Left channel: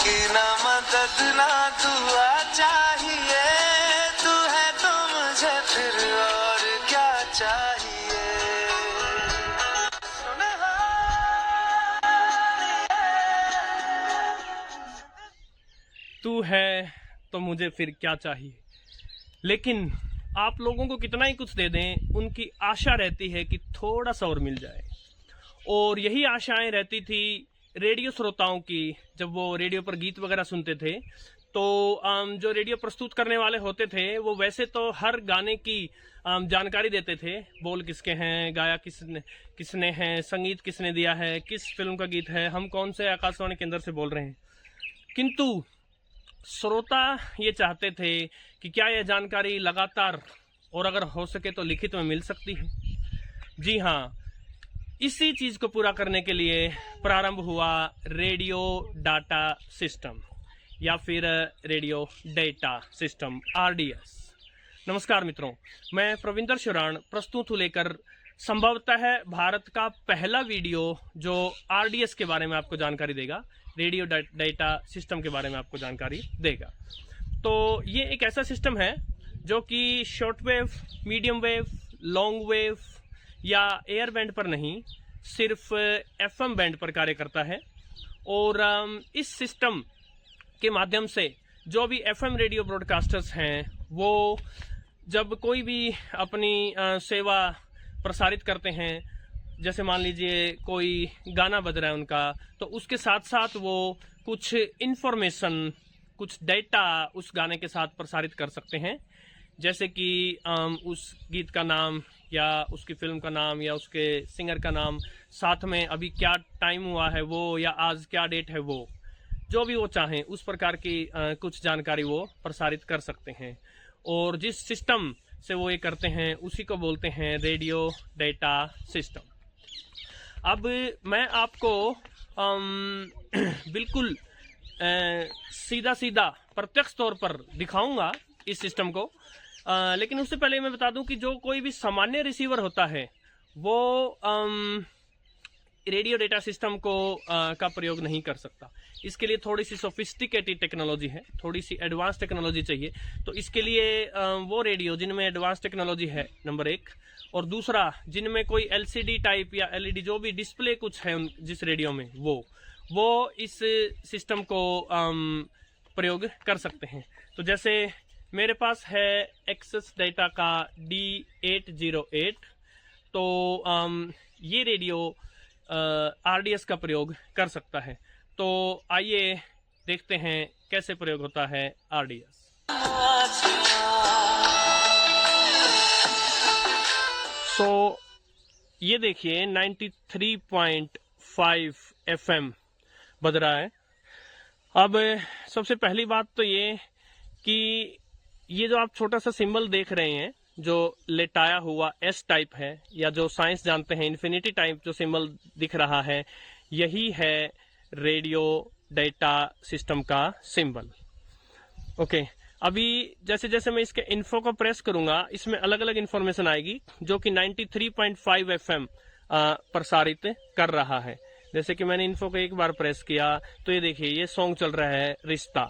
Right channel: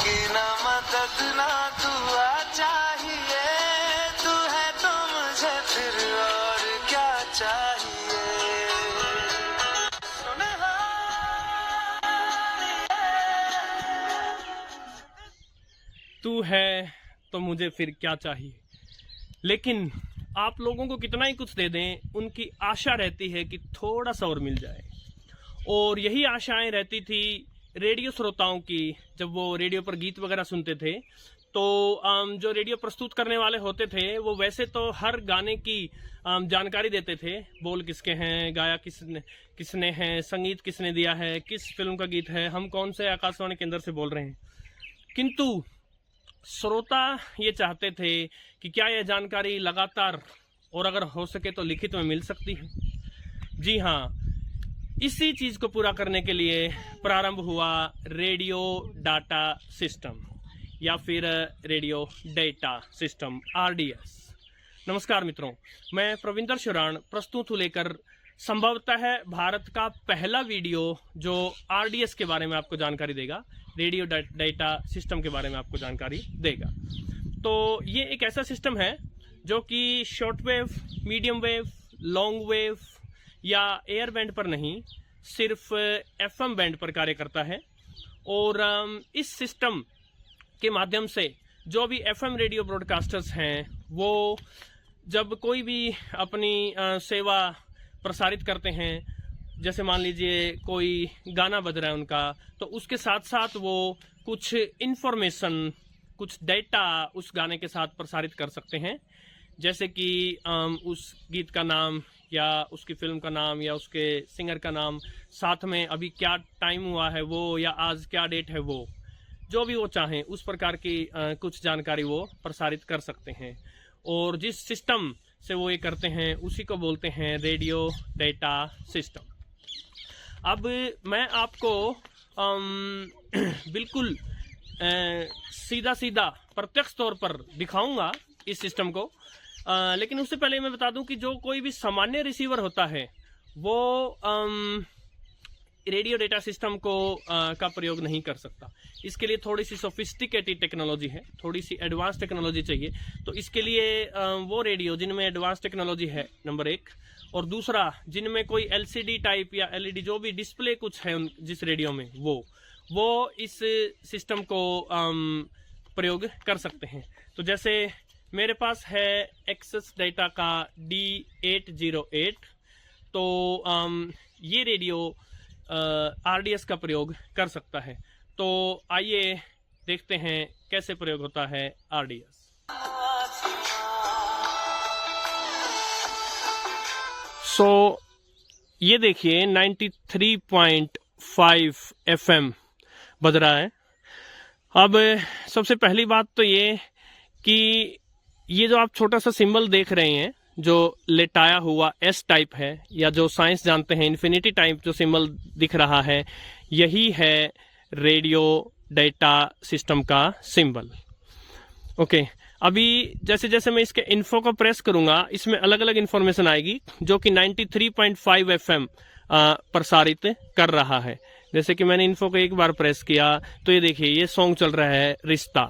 की ना मदद ना दुआ चाहिए, तू है तो मुझे फिर और क्या चाहिए। तू है तो मुझे फिर क्या चाहिए। लेकिन आप लोगों को कितना ही कुछ दे दें, उनकी आशा रहती है कि थोड़ा सा और मिल जाए। और यही आशाएं रहती थी रेडियो श्रोताओं की जब वो रेडियो पर गीत वगैरह सुनते थे। तो जो रेडियो प्रस्तुत करने वाले होते थे वो वैसे तो हर गाने की जानकारी देते थे, बोल किसके हैं, गाया किसने है, संगीत किसने दिया है, किस फिल्म का गीत है, हम कौन से आकाशवाणी केंद्र से बोल रहे हैं। किंतु श्रोता ये चाहते थे कि क्या यह जानकारी लगातार और अगर हो सके तो लिखित में मिल सकती है। जी हाँ, इसी चीज को पूरा करने के लिए प्रारंभ हुआ रेडियो डाटा सिस्टम या फिर रेडियो डेटा सिस्टम RDS। नमस्कार मित्रों, मैं प्रविंदर शिवराण प्रस्तुत हूँ लेकर संभवतः है भारत का पहला वीडियो जो RDS के बारे में आपको जानकारी देगा, रेडियो डेटा सिस्टम के बारे में आपको जानकारी देगा। तो ये एक ऐसा सिस्टम है जो कि short wave, medium wave, long wave या एयर बैंड पर नहीं, सिर्फ FM बैंड पर कार्य करता है। और इस सिस्टम के माध्यम से जो भी FM रेडियो ब्रॉडकास्टर्स हैं वो जब कोई भी अपनी सेवा प्रसारित करते हैं, जैसे मान लीजिए कोई गाना बज रहा है उनका, तो उसके साथ साथ वो कुछ इन्फॉर्मेशन, कुछ डेटा उस गाने के साथ प्रसारित कर सकते हैं। जैसे कि उस गीत का नाम या उसकी फिल्म का नाम या उसके सिंगर का नाम, साथ में अभी क्या टाइम हुआ है वो, या आज क्या डेट है वो, जो भी वो चाहें उस प्रकार की कुछ जानकारी वो प्रसारित कर सकते हैं। और जिस सिस्टम से वो ये करते हैं उसी को बोलते हैं रेडियो डेटा सिस्टम। अब मैं आपको बिल्कुल सीधा सीधा प्रत्यक्ष तौर पर दिखाऊंगा इस सिस्टम को, लेकिन उससे पहले मैं बता दूं कि जो कोई भी सामान्य रिसीवर होता है वो रेडियो डेटा सिस्टम को का प्रयोग नहीं कर सकता। इसके लिए थोड़ी सी सोफिस्टिकेटेड टेक्नोलॉजी है, थोड़ी सी एडवांस टेक्नोलॉजी चाहिए। तो इसके लिए वो रेडियो जिनमें एडवांस टेक्नोलॉजी है, नंबर एक, और दूसरा जिनमें कोई LCD टाइप या LED जो भी डिस्प्ले कुछ है जिस रेडियो में वो इस सिस्टम को प्रयोग कर सकते हैं। तो जैसे मेरे पास है एक्सेस डेटा का D808, तो ये रेडियो RDS का प्रयोग कर सकता है। तो आइए देखते हैं कैसे प्रयोग होता है RDS। ये देखिए 93.5 FM बज रहा है। अब सबसे पहली बात तो ये कि ये जो आप छोटा सा सिंबल देख रहे हैं जो लेटाया हुआ S टाइप है, या जो साइंस जानते हैं इन्फिनिटी टाइप जो सिंबल दिख रहा है, यही है रेडियो डेटा सिस्टम का सिंबल। ओके, अभी जैसे जैसे मैं इसके इन्फो को प्रेस करूंगा इसमें अलग अलग इन्फॉर्मेशन आएगी जो कि 93.5 FM प्रसारित कर रहा है। जैसे कि मैंने इन्फो को एक बार प्रेस किया तो ये देखिए ये सॉन्ग चल रहा है रिश्ता।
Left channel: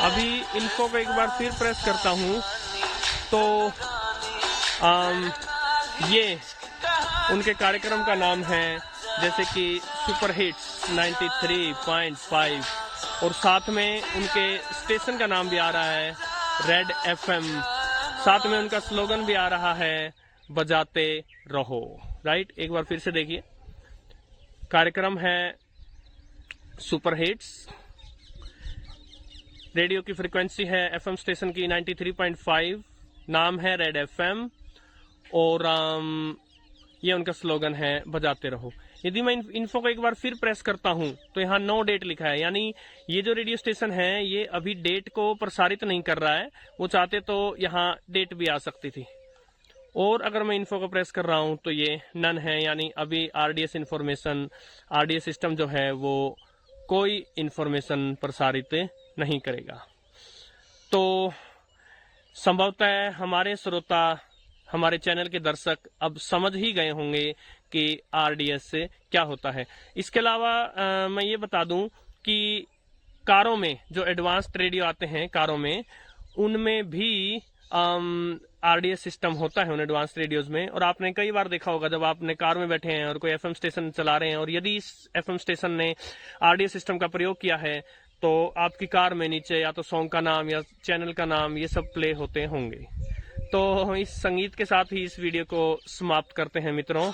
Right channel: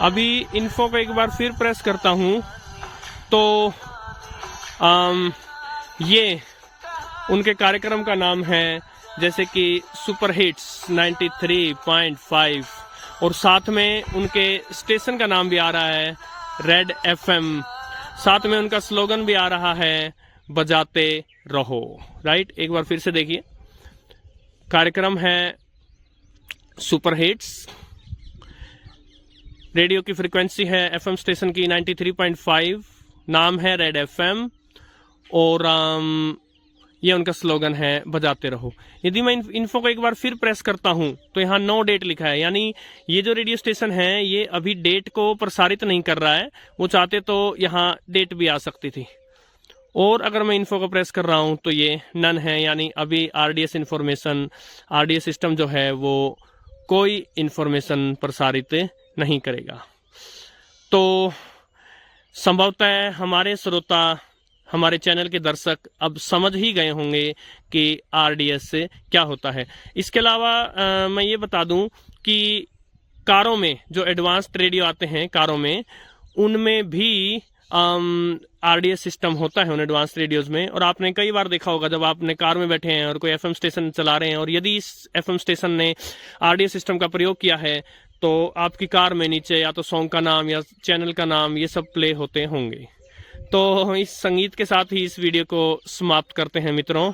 अभी इन्फो को एक बार फिर प्रेस करता हूँ तो ये उनके कार्यक्रम का नाम है, जैसे कि सुपर हिट्स 93.5, और साथ में उनके स्टेशन का नाम भी आ रहा है रेड FM, साथ में उनका स्लोगन भी आ रहा है बजाते रहो। राइट, एक बार फिर से देखिए, कार्यक्रम है सुपर हिट्स, रेडियो की फ्रीक्वेंसी है FM स्टेशन की 93.5, नाम है रेड FM, और ये उनका स्लोगन है बजाते रहो। यदि मैं इन्फो को एक बार फिर प्रेस करता हूं तो यहाँ नो डेट लिखा है, यानी ये जो रेडियो स्टेशन है ये अभी डेट को प्रसारित नहीं कर रहा है। वो चाहते तो यहाँ डेट भी आ सकती थी। और अगर मैं इन्फो को प्रेस कर रहा हूं तो ये नन है, यानी अभी RDS इंफॉर्मेशन, RDS सिस्टम जो है वो कोई इंफॉर्मेशन प्रसारित नहीं करेगा। तो संभवतः हमारे श्रोता हमारे चैनल के दर्शक अब समझ ही गए होंगे कि RDS से क्या होता है। इसके अलावा मैं ये बता दूं कि कारों में जो एडवांस्ड रेडियो आते हैं कारों में, उनमें भी RDS सिस्टम होता है उन एडवांस रेडियोज में। और आपने कई बार देखा होगा जब आपने कार में बैठे हैं और कोई FM स्टेशन चला रहे हैं और यदि इस FM स्टेशन ने RDS सिस्टम का प्रयोग किया है तो आपकी कार में नीचे या तो सॉन्ग का नाम या चैनल का नाम ये सब प्ले होते होंगे। तो इस संगीत के साथ ही इस वीडियो को समाप्त करते हैं मित्रों।